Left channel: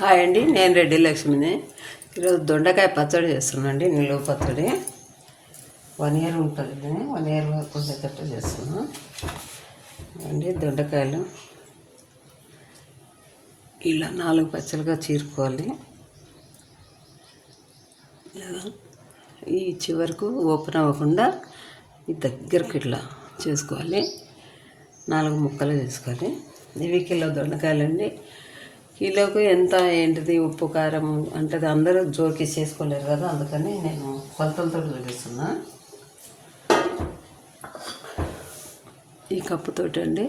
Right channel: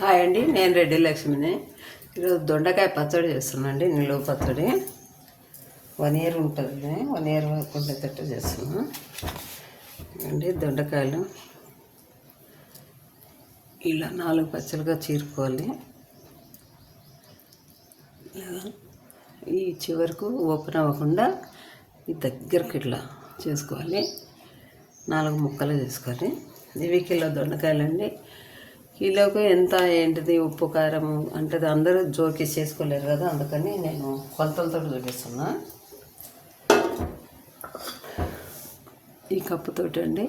Hi అండి, నేను రెడ్డి లక్ష్మిని. ఈరోజు దొండకాయ పచ్చడి చేస్తున్నాను. నిలువ పచ్చడి 1 year ఉంటుంది. 1 year కొంచెం చేస్తున్నాను అండి. దొండకాయలు ఇలా 4 పచ్చలుగా చీరుకోవాలి. ఈ చివరకు ఓపెన్ అవ్వకుండా ఈ దగ్గరకు ఇట్లా చేసుకోవాలి. 4 ముక్కలు చేసుకోవాలి. ఇవి కిలో దొండకాయలండి. కిలోకి ఎంత ఏంటిది ఉప్పు కారం అంటే అందరూ జోకిస్ చేసుకోలేరు కదా, అందుకని నేను కొలతలతో చూపిస్తున్నా. ఈ కప్పుతోటి అండి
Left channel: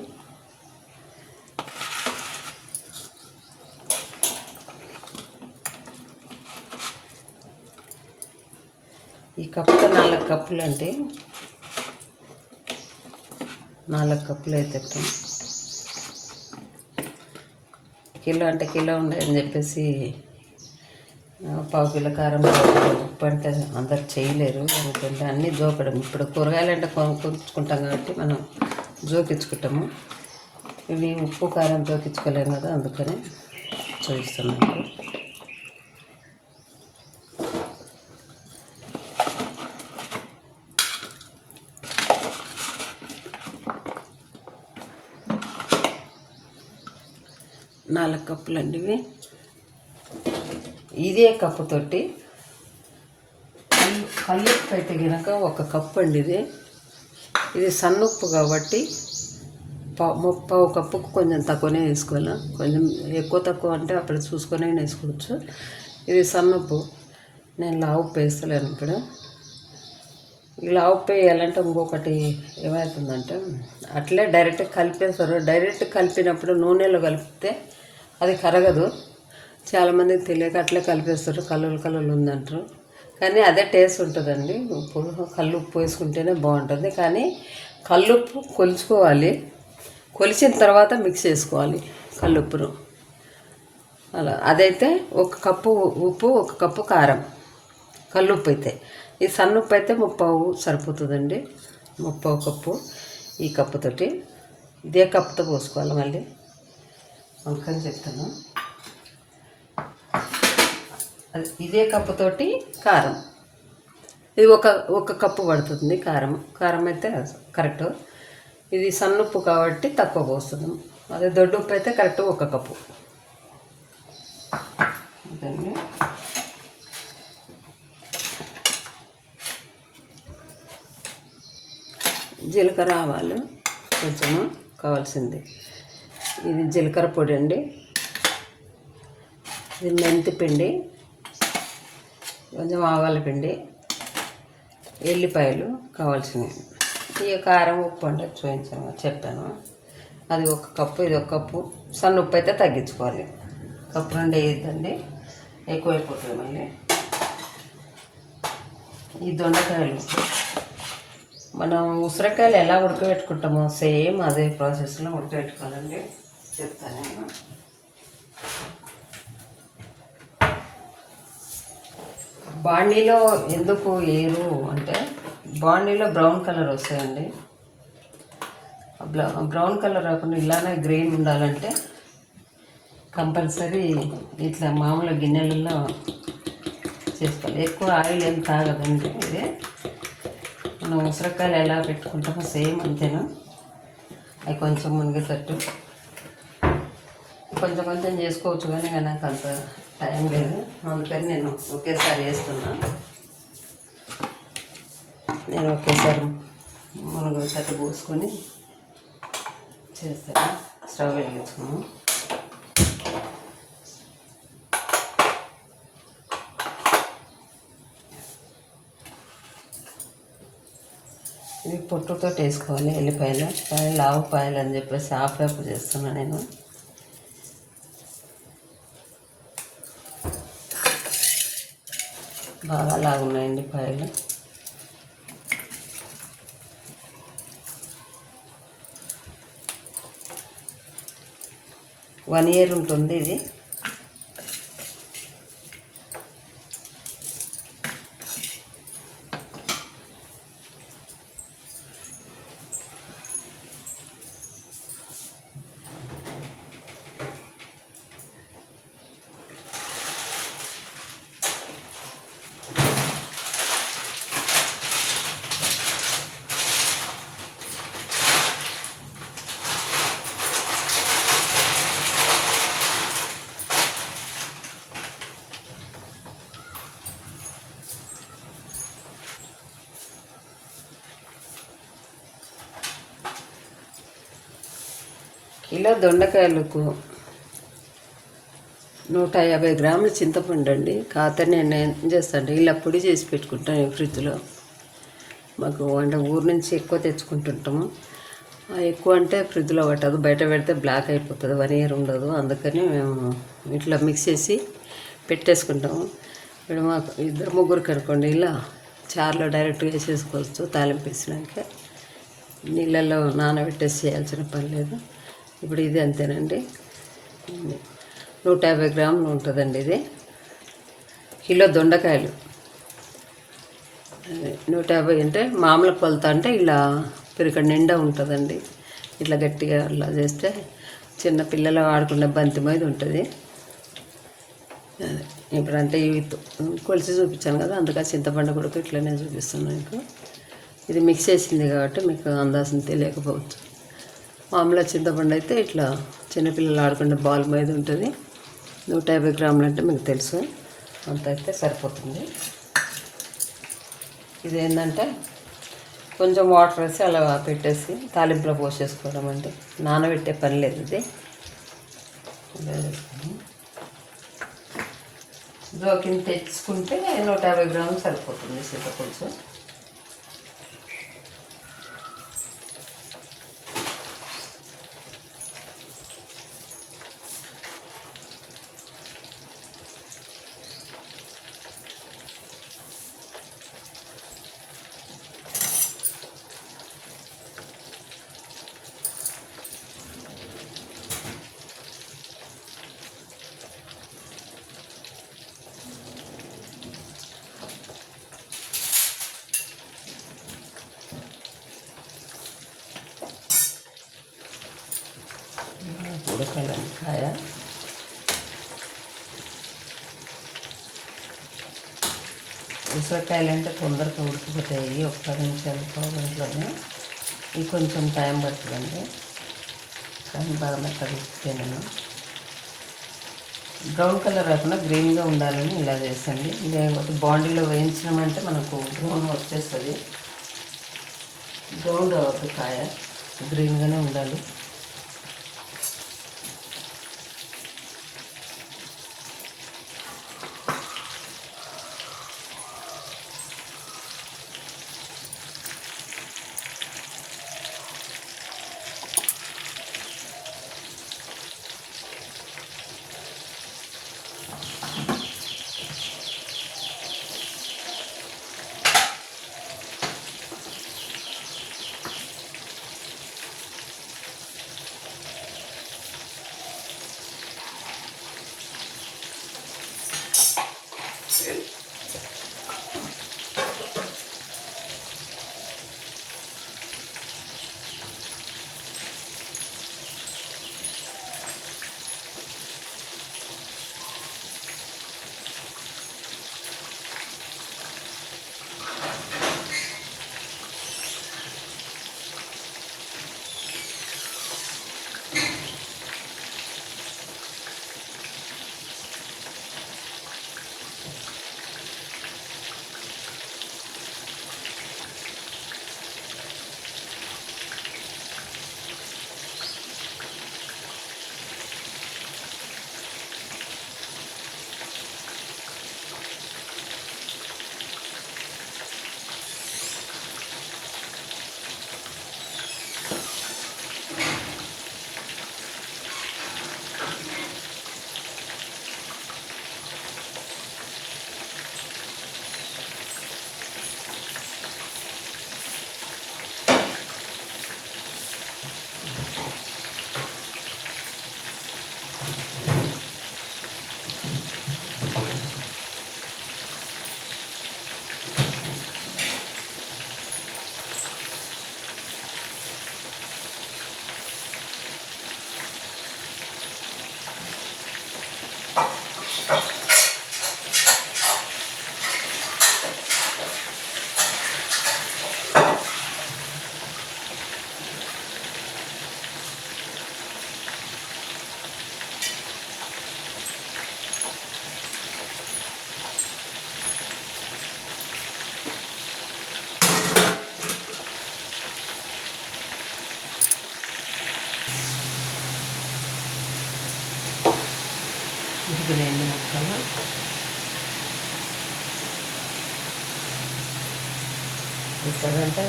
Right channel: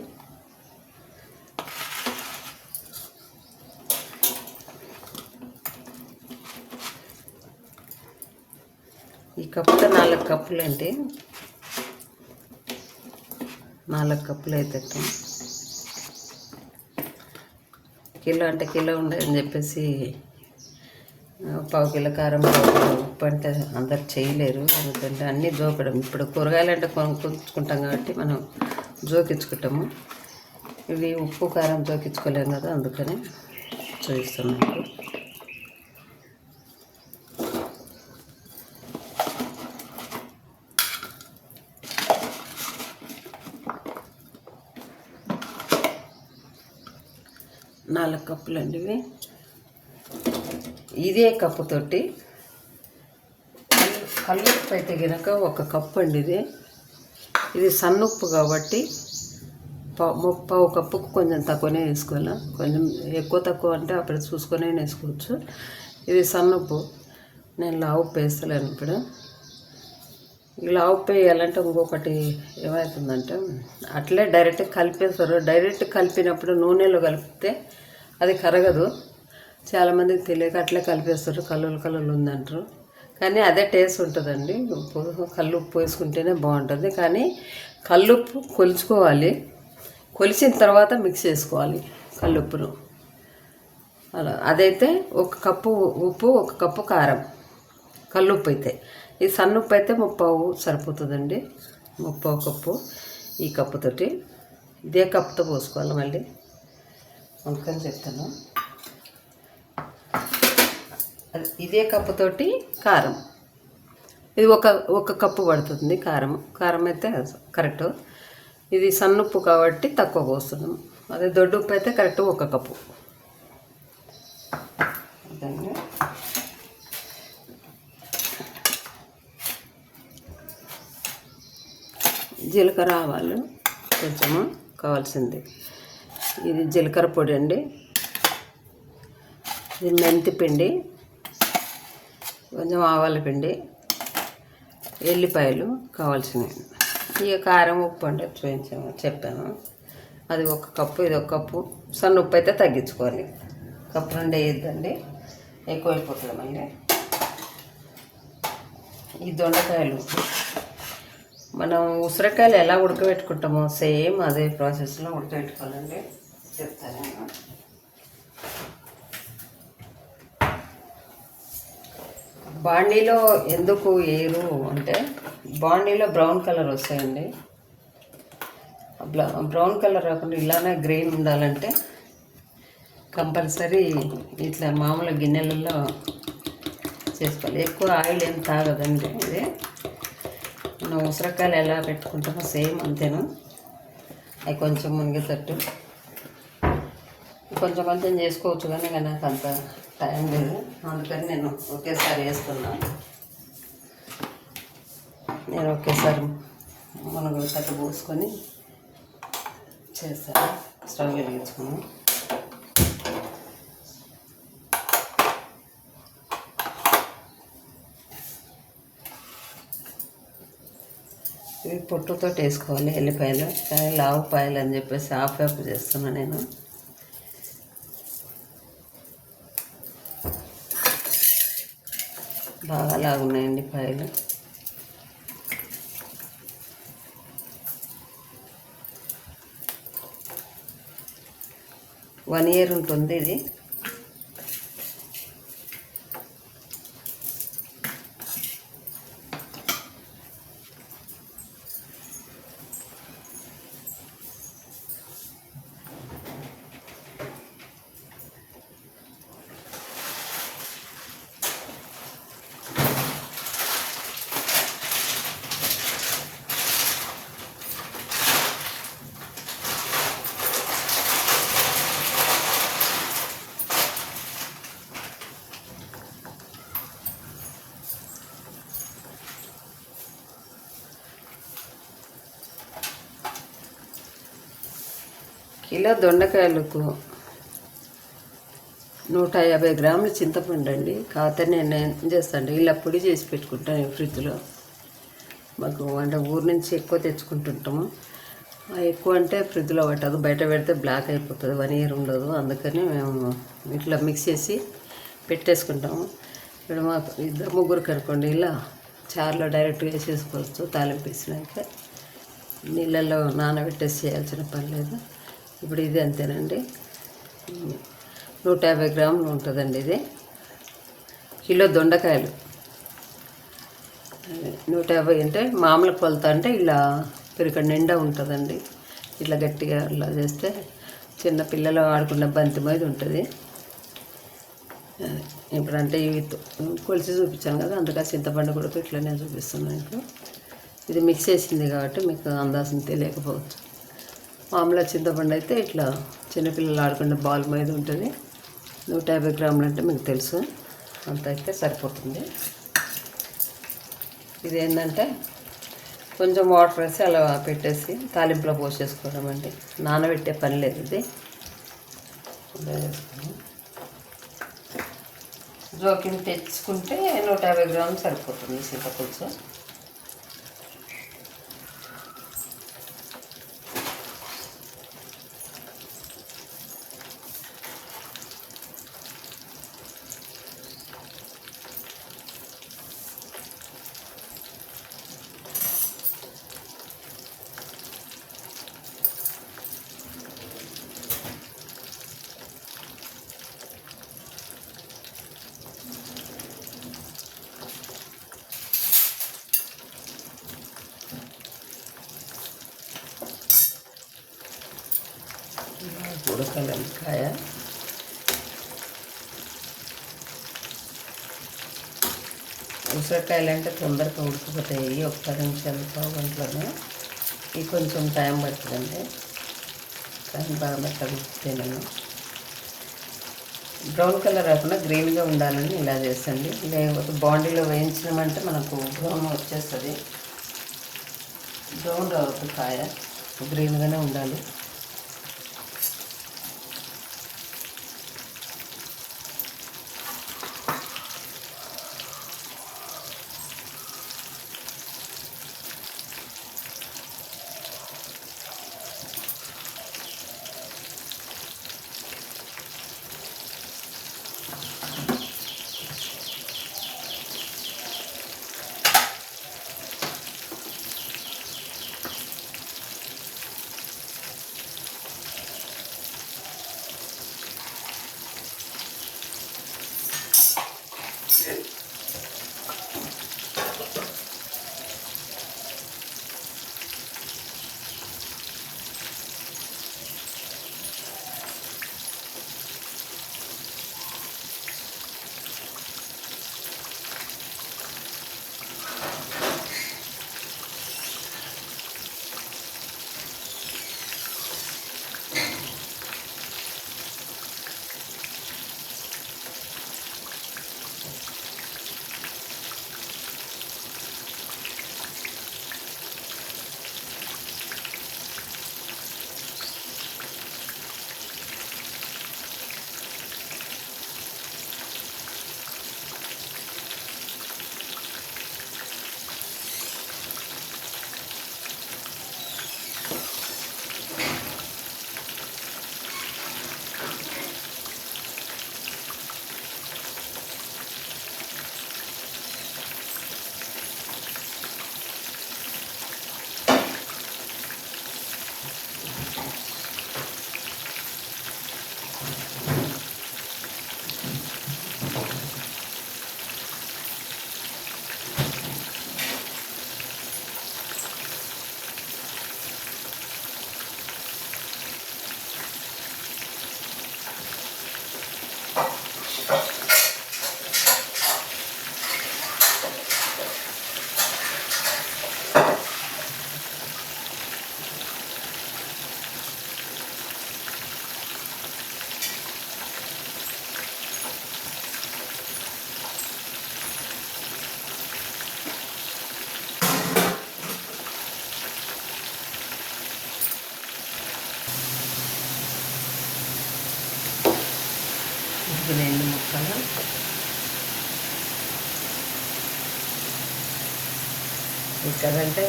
ఈ కప్పుతో 4 కప్పులు అండి. 4 కప్పులు అయితే కిలో అంటే కిలో ఉండదని చెప్పేసి 1/4 కిలో కారం ఉప్పు అంటే అందరు చేయలేరు. ఎందుకంటే అన్నీ జోకడం. ఇప్పుడు కూరగాయలు అంటే కొనుక్కుంటాం కాబట్టి మనం జోకించుకుంటాము. ఇవి ఉప్పు కారం జోకించుకోలేము కదా, అందుకని చూపిస్తున్నాను. నాలుగు కప్పులు అండి ఇవి. ఇదే కప్పుతోటి కల్లుప్పు అయితే కనుక 1 కప్పు అండి. ఇది సన్నుప్పు కాబట్టి 1/4 కప్పుకు కొంచెం తక్కువనే వేసుకోవాలి. కొంచెం ఎక్కువ తక్కువ అంటే అప్పుడు చూసుకొనే వేసుకోవచ్చు. ఇది సన్నుప్పు. నేను లావుప్పు వేస్తలేను ఇప్పుడు. లావుప్పు వేయాలంటే ఇంకొకటి ఏమవుతుందంటే అట్లే డైరెక్ట్ కలిపేస్తారు. డైరెక్ట్ కలిపినప్పుడు నూనెలో కలిపితే అది కరగదు. చాలామందికి తెలియక అట్లే కలిపేస్తారు. కలర్లు ఉందంటారు, కానీ అదే టేస్ట్ ఉంటుందండి. కల్లుప్పు వేసుకుంటేనే బాగుంటుంది. కానీ కల్లుప్పు కొలుచుకోవాలి. కొలిచిన తర్వాత మిక్స్ చేసుకోవాలి కల్లుప్పును. అలా అదైతే 1 కప్పు ఉప్పు, 1 కప్పు కారం కల్లుప్పు అయితే. ఈ సన్నుప్పు అయితే 1/2 సరిపోతుందండి. 1/2 కప్పు ఈ కప్పుతోటి. ఇదే కప్పుతో పోసుకోవాలి. మళ్ళీ అందుకని చెప్తాను. ఇదే కప్పుతోటి కారం. ఇది ఒక కప్పు పడుతుంది కారం అయితే కరెక్ట్. ఇది సన్నుప్పు కాబట్టి తక్కువ పోస్తున్నాం. అదే దొడ్డు ఉప్పు అయితే కరెక్ట్ 1 కప్పు. ఓకే. జీలకర్ర ఆవాలు కొంచెము కావాల్సింది. ఇది జీలకర్ర పొడి అండి. ఇది మెంతి పిండి, కొంచెం ఆవాల పిండి, ఎల్లిపాయలు కావాల్సినవి. ఇక కారం ఉప్పు అంటే చెప్పాను. అది 1 కప్పు, ఇది 1 కప్పు. సన్న ఉప్పు అయితే తగ్గించుకోవాలి. 1 కప్పు 2 వేయద్దండి, ఎక్కువైపోతుంది మళ్ళీ. ఈ దొండకాయలు మనం ఉసిరికాయలు ఎలా ఉడకబెట్టుకుంటామో సేమ్ అదే ప్రాసెస్లో ఉడకబెట్టుకోవాలండి. చెప్తాను నేను. బాండీలో ఎందుకు ఏరు అంటే బాండీలో బ్రౌన్ కలర్ వస్తాయండి. బ్రౌన్ కలర్ రాకుండా ఇలానే గ్రీన్ ఉండాలంటే కంపల్సరీ ఇట్లా మామూలు గిన్నెలలో చేసుకోవాలి. ఎక్కువ ఆయిల్ ఏం తాగదండి. ఇదే మనం ఉసిరికాయలు ఎలా పెట్టుకుంటామో సేమ్ అంతేనా. అవి కొంచెం మునిగేటట్టు కొంచెం చేసుకోవచ్చు, కానీ నాకు అంత టైం లేదు. అందుకని నేను ఒకేసారి వేస్తున్నాను. నేను ఒకేసారి మునగ పోసుకొని చేస్తాను. స్టవ్ వెలిగించుకున్నాను. ఇవి పొట్టుతో వేసుకోవాలి ఎల్లిపాయలు, కానీ లావుపాయలు అని చెప్పేసి హాఫ్ చేస్తున్నాను నేను. బాగా లాగున్నాయండి పాయలు. వన్ ఇయర్ ఉంటుంది ఇది. ఇలా దొండకాయలకు 150 గ్రాముల చింతపండు అండి. కాకపోతే నేను ఏం చేస్తాను, ఇలా పొడి చేసి పెట్టుకుంటాను ఫ్రిడ్జ్లో. మాకు అంటే ఊరు నుంచి ఎక్కువ తెచ్చుకుంటుంటాము. ఎక్కువ అంటే ఫ్రిడ్జ్లో పట్టదు, బయట పెడితే బ్లాక్ అయిపోతుంది, 1 ఇయర్ ఉండదు. అందుకని మేము ఇట్లా మిక్స్ చేసి పెట్టేసుకుంటాము. ఇప్పుడు మాకు 2-3 కనుకోండి, ఇలా చారులో డైరెక్ట్గా వేసేసుకోవచ్చు. తాలింపు వేసినాక నీళ్ళల్లో నానబెట్టేసి చేయాల్సిన పని లేదు. ఇప్పుడు ఇది అంతేనండి. 150 గ్రాములు ఉంటుందండి. ఇది కిలో దొండకాయలు 150 అంటే మామూలు కొలత అంటే ఇలా పిరిక నిండా ఉంటుందండి. ఇట్లా గట్టిగా అలా చేస్తే చిన్న పిల్లలు ఆడుకునే బంతి మీద ఉంటుంది. ఇప్పుడు అంటే ఇవి కొలిసి చూపించాను కదా, అందుకని చింతపండు కూడా ఇట్లనే చూపిస్తున్నాను మీకు. ఇది మిక్స్ చేసింది కాబట్టి మీకు అందాసం తెలియకపోవచ్చు. మామూలుగా చింతపండు అయితే ఇట్లా చిన్నపిల్లలు ఆడుకునే బాల్ మీద ఉంటుంది. 150 గ్రాములు అంటే మీకు తెలుసు, అంత అయితే సరిపోతుంది. ఇది ఏంటంటే కొంచెం వాటర్ వేసి అలా పెట్టేసి తాలింపులో పోసేసుకోవడం అండి. నానబెట్టే పని లేదు. ఇది జోకిని తెచ్చుకుంటే 150 గ్రాములు సరిపోతుంది చింతపులుసు. ఉడకడంకాయ ఉసిరికాయలు అంటే తొందరగా ఉడికిపోతాయి, 1 నిమిషంతో గంటలోనే. ఇది కొంచెం టైం పడుతుందండి, కానీ బాగా కలిపితే నేను బ్రౌన్ కలర్ రాకుండా గ్రీన్గా ఉండాలని ఇలా చేసండి. లేకపోతే బాండీలో వేయించినామంటే మనకు బ్రౌన్ వచ్చేస్తుంది. బ్రౌన్ రావద్దు, కాయ గ్రీన్గానే ఉండాలి. ఉడికిన ఎండు ముక్కలు ఇక్కడంటే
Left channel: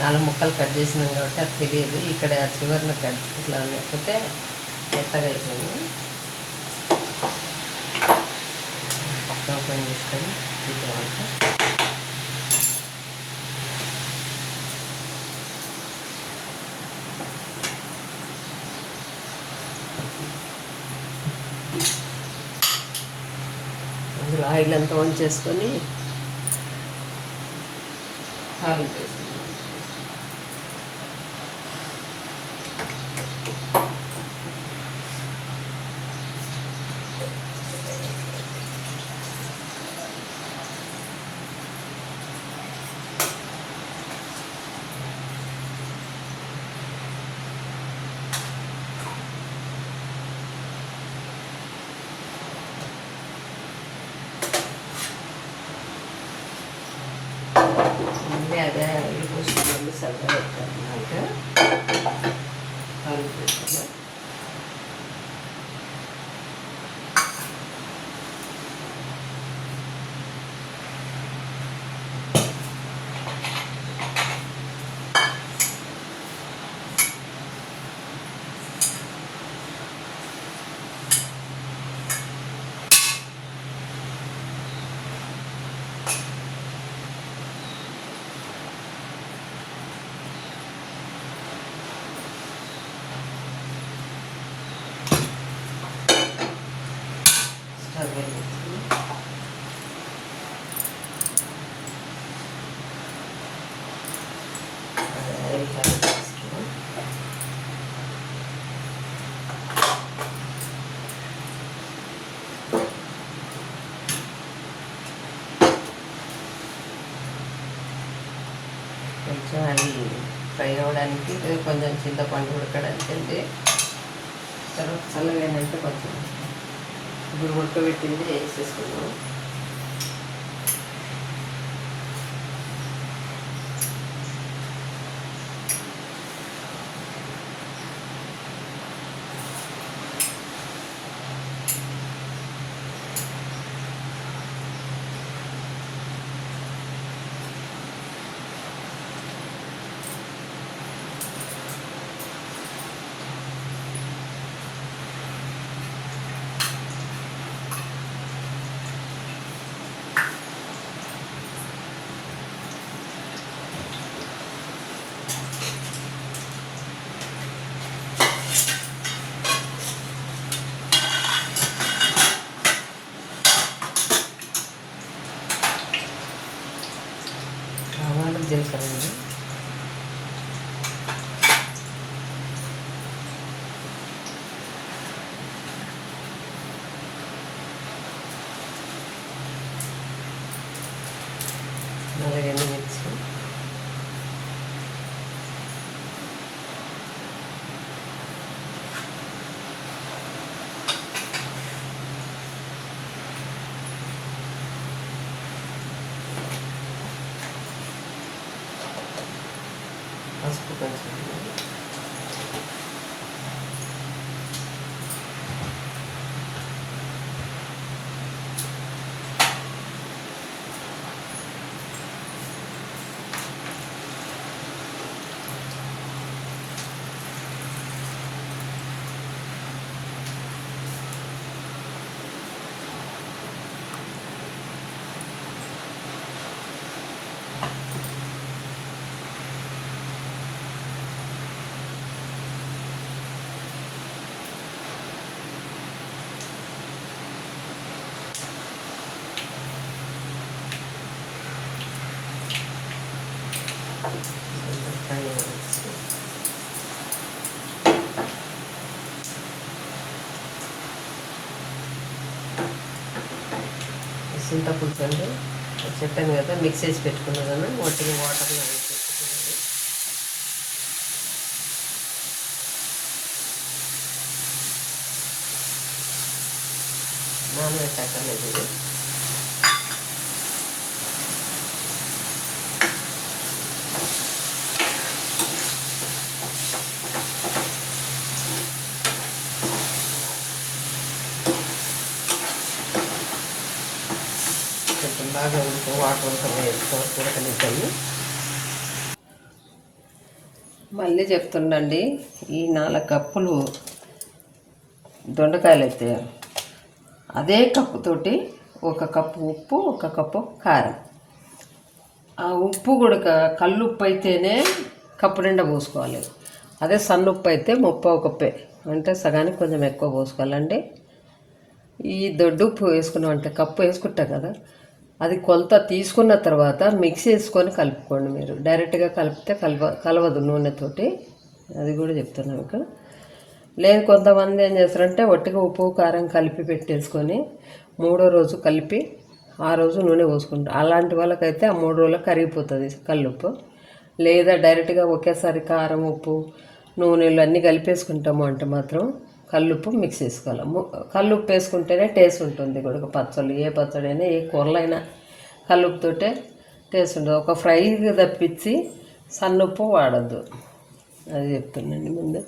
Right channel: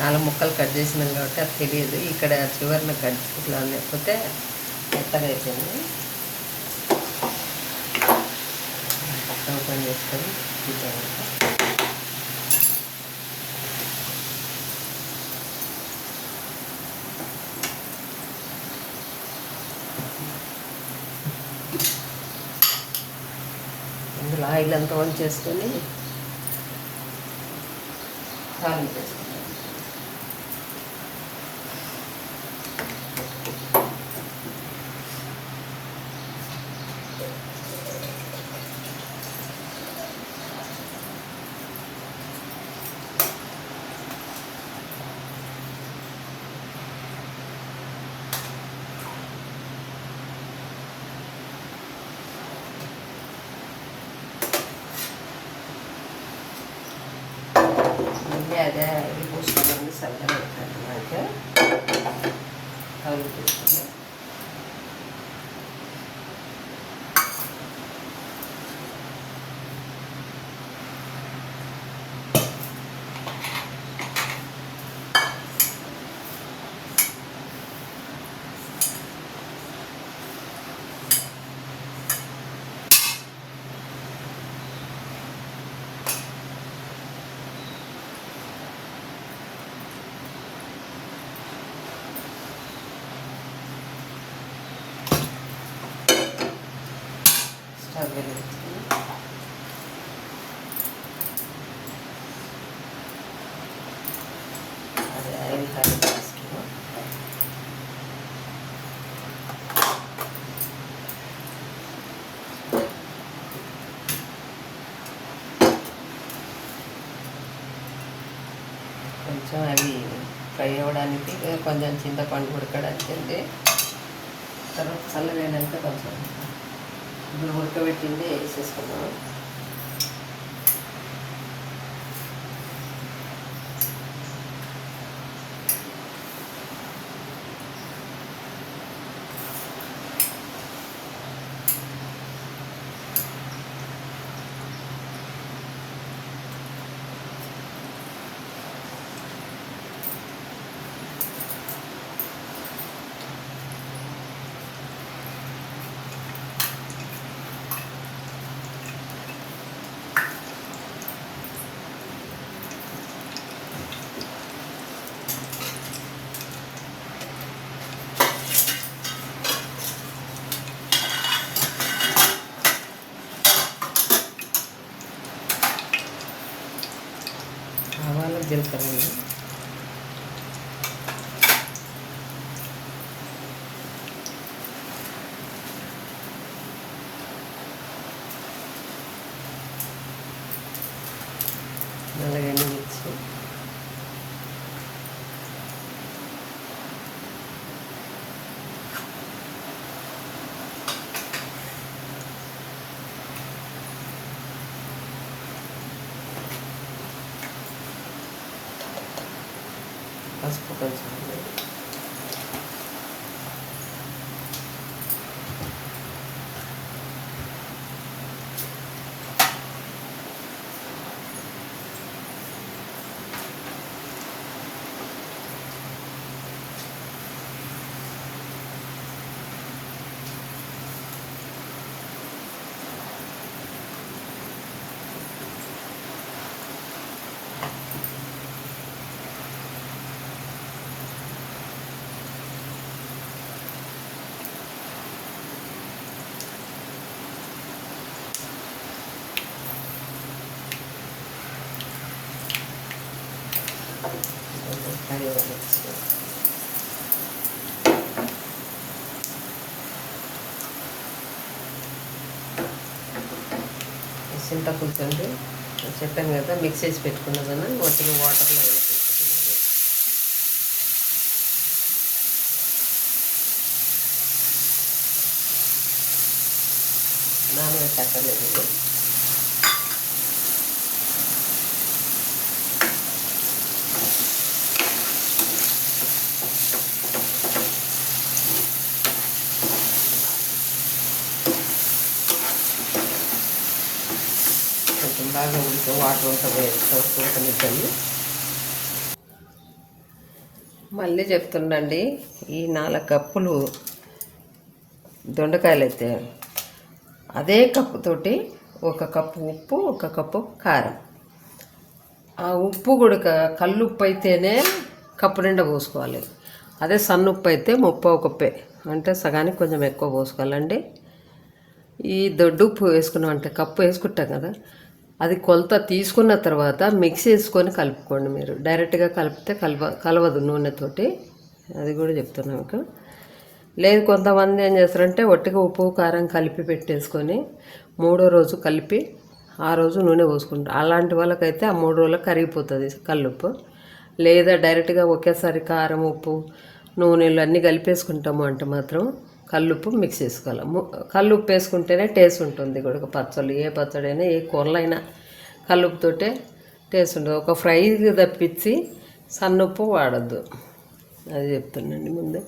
4 ముక్కలు కట్ చేసినాం కాబట్టి అది తెలియదు. ఇక్కడ చివరిన కట్ ఇట్లా లేకపోతే మెత్తగా అయిపోయింది. ఓపెన్ చేసుకొని ఇంతవరకు అందులో ఆయిల్ అంతా ఆన్ చేసుకొని కారం వేసుకున్నాం. మళ్ళీ అదే ఆయిల్ పోసుకున్నాను, సరిగ్గా పెట్టామన్నమాట. కారం పెట్టుకున్నాం. కొంచెం అవి ఫ్రై అవ్వడానికి కొంచెం చింతపండు ఉడకడానికి అండి. తర్వాత చల్లగానంటే కొంచెం ఇప్పుడు ఉడకబెట్టింది వేసేసుకున్నాము. ఆవాలు జీలకర్ర అండి. అలాగే మిర్చి, పసుపు కొంచెం, చింతపులుసు అండి. చెప్పాను కదా మిక్స్ చేసి పెట్టుకున్నదాన్ని వాటిని వాటర్లో వేసి పెట్టుకున్నాను. నానబెట్టక్కర్లేదు ఇది. బాగా వాటర్ అంతా ఉడకనిచ్చాయి. మళ్ళీ చెప్తుండండి, ఈ 4 కప్పులు దొండకాయలు అయితే అదే కప్పుతోటి 1 కప్పు ఉప్పు, 1 కప్పు కారం. ఆ ఉప్పు కూడా కల్లుప్పు అయితేనే కప్పు నిండా పోసుకోవాలి. అదే సన్నుప్పు అయితే 30 కప్పే, అంటే సగానికి కొంచెం ఎక్కువ పోసుకోవాలండి. ఈ దొడ్డు ఉప్పు వేసుకున్నామంటే కప్పు వేసుకుంటాం కదా, అది కొలత తీసుకున్న తర్వాత మిక్స్ చేసుకొని కలుపుకోండి. మీరు డైరెక్ట్గా కలిపితే కలవదు నూనెతోటి, అది కూడా చెప్తున్నాం మీకు. లేదు కొంతమంది ఏం చేస్తారంటే ఒట్టిగా ఉప్పు కారం కలిపి పెట్టేసుకొని 3వ రోజు కలిపి ఆ రోజు నూనె పోసుకుంటారు. అలాంటి వాళ్ళకైతే ఆ 3 రోజులకు కరిగిపోతుంది కల్లుప్పు. లేదా డైరెక్ట్గా ఒకేసారి కారం ఉప్పు నూనెలు అన్నీ కలిపేసుకుంటాము అంటే మాత్రం కల్లుప్పు మిక్స్ చేసుకోవాలి. కల్లుప్పు వేసుకుంటేనే టేస్ట్ ఉంటుంది. కూడా పచ్చళ్ళు, ఏ పచ్చడి అయినా ఏ కూరలైనా కల్లుప్పుతోటే టేస్ట్ ఉంటుంది. ఒక ఫ్రైకి తప్పించి సన్నుప్పు వాడద్దు, అది చెప్తున్నాండి ముందే.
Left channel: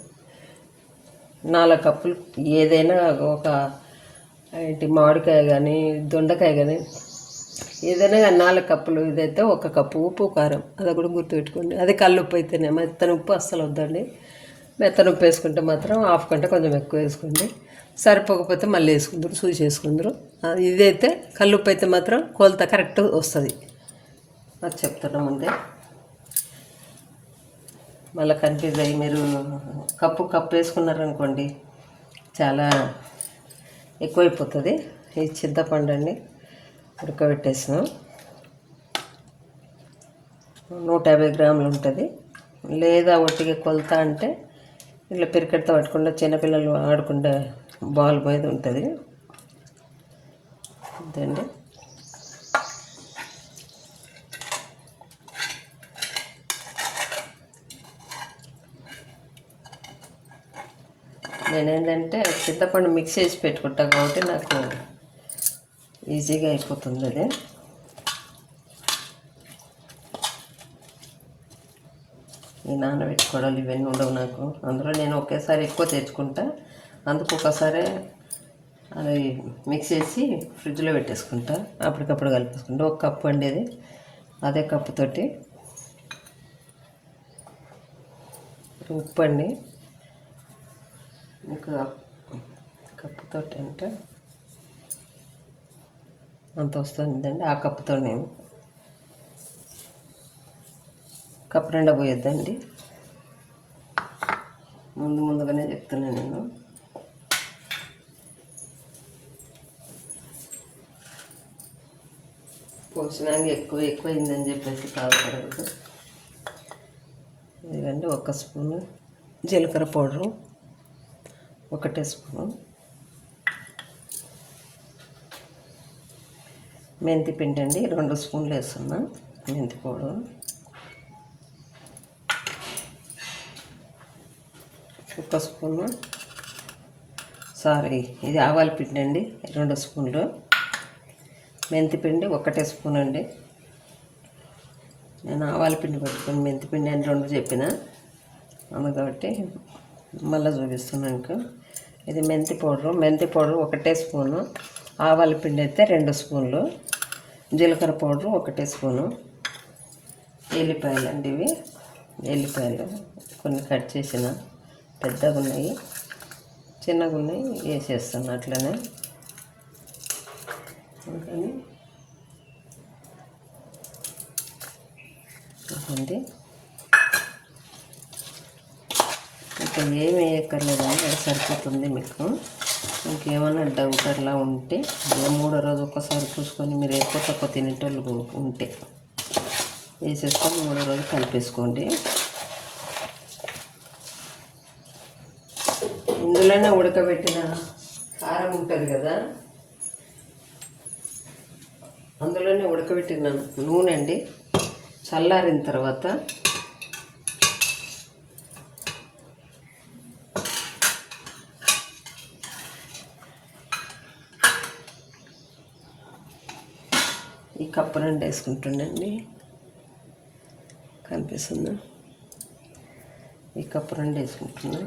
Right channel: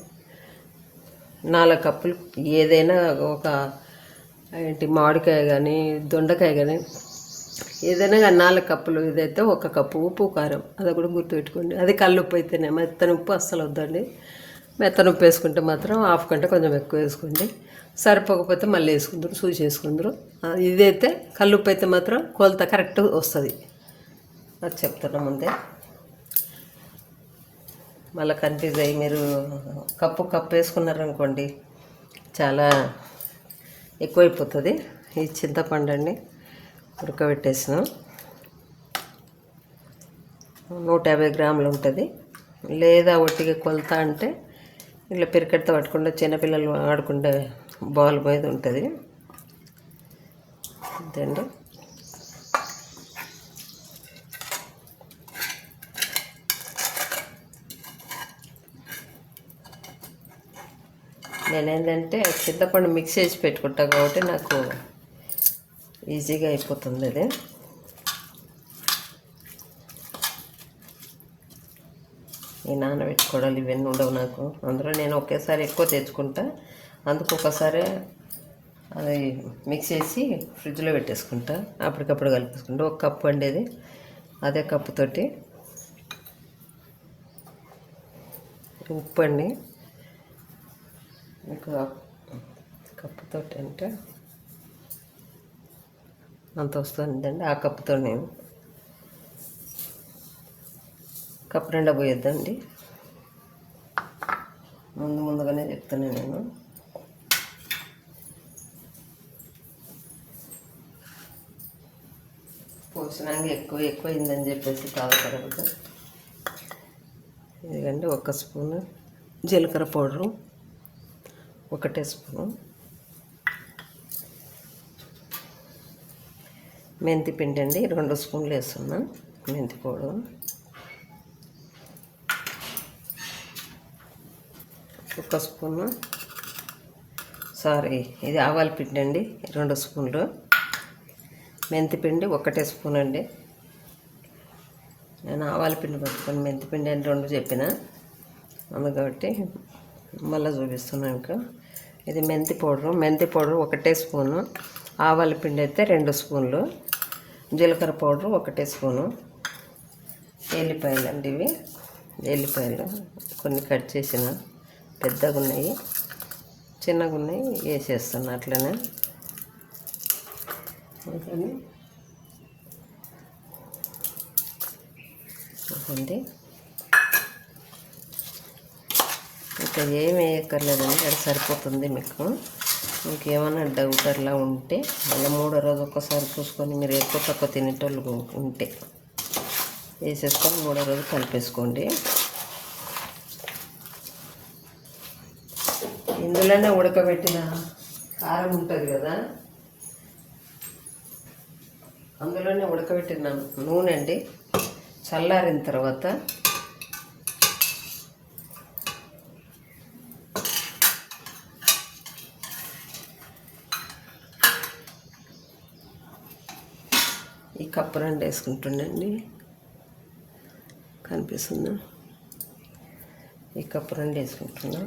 4 కప్పులు ఏదైనా ఒక మామిడికాయ కానీ దొండకాయ కానీ ఏదైనా 4 కప్పులు. ఇదైతే 1 కప్పు ఉప్పు కారం, అది కూడా గుర్తుపెట్టుకోండి. అది కల్లుప్పు అయితేనే, మెత్తని ఉప్పు అస్సలు వద్దండి. మెత్తని ఉప్పు వేసుకుంటే మాత్రం హాఫ్ కంటే కొంచెం ఎక్కువ వేసుకోండి. సరిపోకపోతే మళ్ళీ వేసుకుందరు, చూసి వేసుకుందరు. ఇదైతే కల్లుప్పు అయితే మాత్రం కొలత కరెక్ట్ వస్తుంది, అది చెప్తున్నా ముందే. మళ్ళీ కన్ఫ్యూజ్ అయ్యి మీరు కప్పు వేసుకున్నారనుకోండి చాలా ఎక్కువైపోతుంది. ఈ చింతపండు అండి ఉడకబెట్టేసినాం, 150 గ్రాములు ఉంటుంది. లేదా ఒట్టిగా కొలత అంటే ఇట్లా పెరికెడతా పట్టకుండా చిన్నపిల్లలు ఆడుకుంటే బాల్ పోయేది ఉంటుంది అంతేండి. నేనేంటంటే చింతపండు మిక్స్ చేసి పెట్టుకుంటా కాబట్టి నాకు ఈజీగా అయిపోతుంది అది. ఈ నానబెట్టుకోవడాలు ఇవన్నీ ఉండవు నాకు. అందులో నేను ఒకేసారి ఎక్కువ తెచ్చుకుంటా, అందుకు ఒకసారి అది మిక్స్ చేసి ఫ్రిడ్జ్లో పెట్టేసుకుంటా, అప్పటికప్పుడు కలిపేసుకుంటా. 1 కప్పు అండేది, అదే కప్పుతోటి ఉప్పు అండి, ఇంకా కప్పుతోటి అంటే అంత వస్తుందండి. ఆ కప్పుతో నేను కప్పు నిండా పోయొద్దండి, ముందుగానే చెప్తున్నాను నేను. పోసినాక ఎక్కువ అయిందని చెప్పేసి బాధపడకూడదు. ఎందుకంటే 1 స్పూను జీలకర్ర పౌడరు, 1 టీ స్పూను మెంతి పిండి అండి, 2 స్పూన్లు వేస్తున్నా మెంతి పౌడరు, 1 స్పూను ఇది ఆవాల పిండి అండి, 2 స్పూన్లు మెంతి పిండి, 1 స్పూన్ అండి. నేను ఆవాల పిండి పెట్టుకొని మెంతి పిండి అని 2 చెప్పిన, అందుకబట్టి మళ్ళీ చూపిస్తున్నాను ఇంకా. ఇది మెంతి పౌడర్ 1 స్పూను, ఆవాల పిండి అయితే 2 స్పూన్లు, జీలకర్ర పౌడరు 1 స్పూను, ఎల్లిపాయలు అండి ఇవి. ఎల్లిపాయలు కొన్ని కట్ చేసిన, పెద్దగా ఉన్నాయి చిన్నగా ఉన్నాయి వేసేస్తాను అట్లనే. అందుకని ఉంది ఇంకా ఏమి వేయక్కర్లేదండి, అది సరిపోతుంది మీకు. ఇంకేమైనా డౌట్ అట్లా ఉంటే మళ్ళీ 3వ రోజు ఒక్కసారి చూసుకొని, మీరు ఎక్కువ తక్కువ తినేటోళ్ళు ఉంటే వేసేసుకొని 3వ రోజు కలిపేసుకోండి. ఇందులోనే ఉడకబెట్టిన కారం ఉంటుంది కదా, అందులోనే ఉడకబెట్టిన నూనె అండి. చల్లారిన తర్వాత ఈ కప్పు 2 వేసుకుంటుండండి, కనిపిస్తుందా? ఈ కప్పు 2 వేసుకుంటున్నా.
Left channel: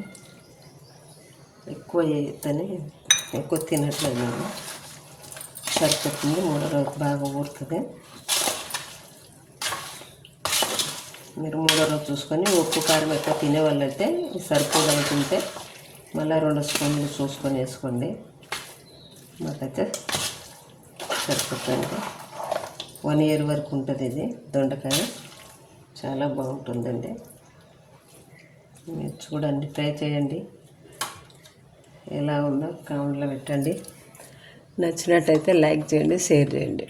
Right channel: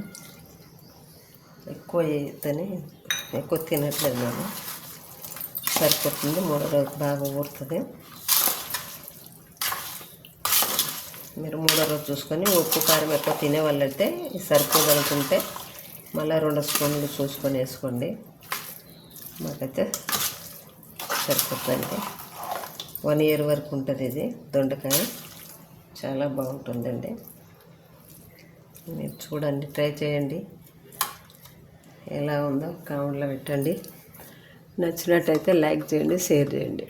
ఎక్కువ వేయద్దని, ఎక్కువ తినట్లేదు నేను. సరిపోతుంది. 3వ రోజు బాగా ఊరుతుంది. మీరు 3వ రోజు చూసుకొని ఉప్పు కారం ఎక్కువ తినే వాళ్ళైతే సరిపోదనుకుంటే మళ్ళీ 2 స్పూన్లు చూసుకొని వేసుకోండి. మాకైతే సరిపోతుంది. 1 ఇయర్ వరకు ఉంటుంది ఇది దొండకాయ. చాలా బాగుంటుందండి. మీరు చూడండి, ట్రై చేయండి. ఎలా ఉందో కామెంట్లో పెట్టండి. నచ్చినట్టయితే లైక్ చేయండి, షేర్ చేయండి.